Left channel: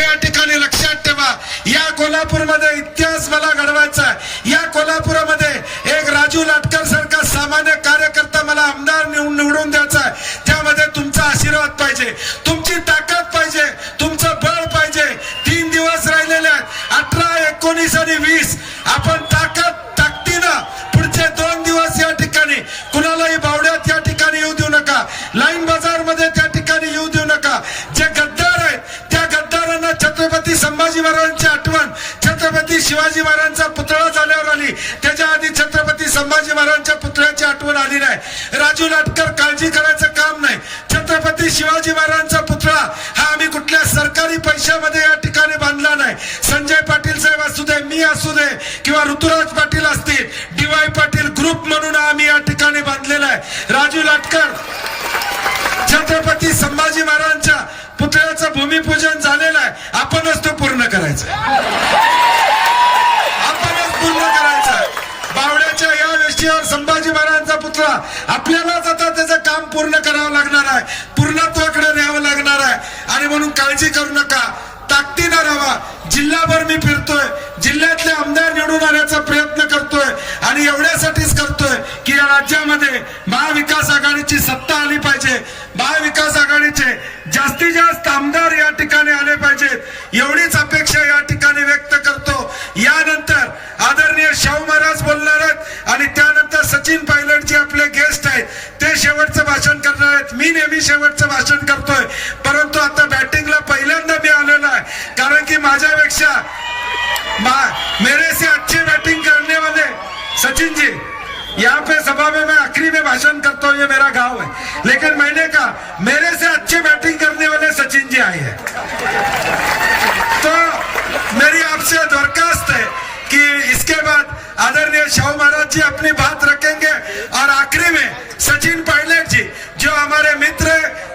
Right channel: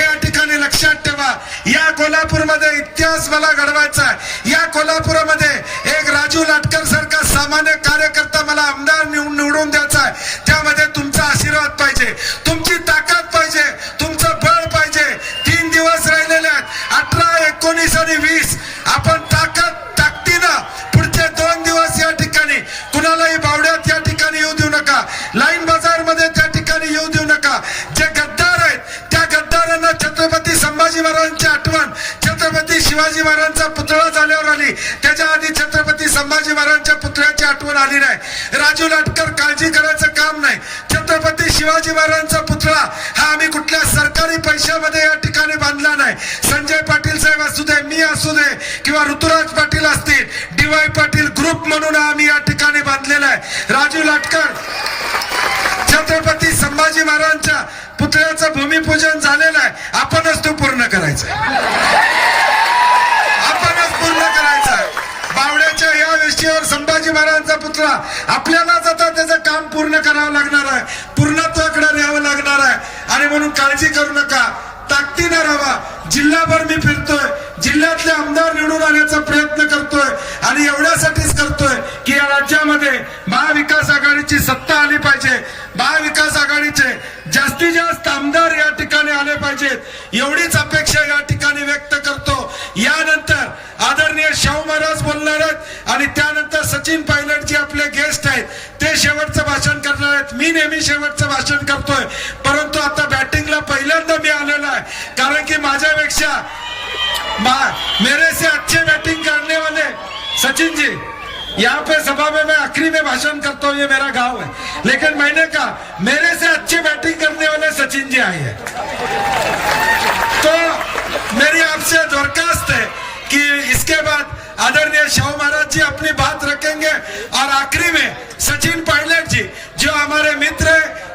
या ठिकाणी लक्षात ठेवा. या कोल्हापूरमध्ये इतिहास मला घडवायचा या कोल्हापुरामध्ये एक राजू लाटकर सारखा सामान्य कार्यकर्ता मला आमदार निवडून निवडून द्यायचा आहे. त्यामध्ये तुमचा आशीर्वाद पाहिजे. तुमची ताकद पाहिजे. तुमचं बळ पाहिजे. तीन दिवस राहिलेले आहेत. अठरा एकोणीस आणि वीस. आपण ताकद ताकदीनं पुढचे दोन दिवस या ठिकाणी कुणालाही बावड्यात या ठिकाणी येऊ देऊ नका. लाईन गद्दारांना छत्रपती संभाजी महाराजांची आठवण छत्रपती शिवाजी महाराजांचा पुतळा झाल्यावर आली. त्याच्या आधी छत्रपती संभाजी महाराजांच्या पुतळ्याची आठवण आली नाही. राजू लाटकर काळजी करायचं काम नाही. छत्रपती शिवाजी महाराजांचा पुतळा हा आम्ही कुठल्या सरकारी पैशामध्ये या ठिकाणी बांधला नाही. संजय पाटील साहेब असू दे मी असू दे किंवा ऋतुराज पाटील असतील डीवाय पाटील ग्रुप म्हणून आम्ही या ठिकाणी बांधलेला आहे. राजू लाटकर संभाजी महाराजांच्या पुतळ्याचं भूमिपूजन झालेलं आहे. आपणच तो पूर्ण करायचा आपणच पूर्ण करायचा बावड्याच्या या वेशीवर संभाजी महाराजांचा पुतळा आपल्यालाच आता त्याचं काम पूर्ण करावं लागणार आहे. पूर्णत्वाकडे न्यावं लागणार आहे. आणि म्हणून काळजी करू नका. ताकदीनं राहा जिल्हाभर मी फिरतोय. जिल्ह्यातले आमदार निवडून आणण्याचा प्रयत्न करतोय. आणि एवढ्यासाठीच करतोय की या राज्यामध्ये यांची सत्ता आली पाहिजे. महाविकास आघाडीचे जास्तीत जास्त आमदार या ठिकाणी आले पाहिजेत. एवढीच अपेक्षा या ठिकाणी व्यक्त करतो. यानंतर आदरणीय शाहू महाराज बोलणार आहेत आणि त्यानंतर सचिन पायलट जे आपले गेस्ट आहेत ते शेवटचं भाषण करणार आहेत. मी नेहमी शेवटचं भाषण करतोय. परंतु आता बॅटिंगला पहिल्यांदा मी आलेलो आहे. कारण की माझ्यापेक्षा मा- मेरे से अच्छे बैटिंग करने वाले सचिन जी यहाँ पे सभा में मैं आखिरी में भाषण करता हूँ, ये मेरा गाँव है। लेकिन मैंने कहा, मेरे से अच्छी बैटिंग करने वाले सचिन जी आए हैं। तो मेरी आपसे दरखास्त है कि इसके बाद आदरणीय शाहू महाराज जी अपनी बात रखेंगे और आखिरी में सचिन पायलट जी, जो हमारे मित्र हैं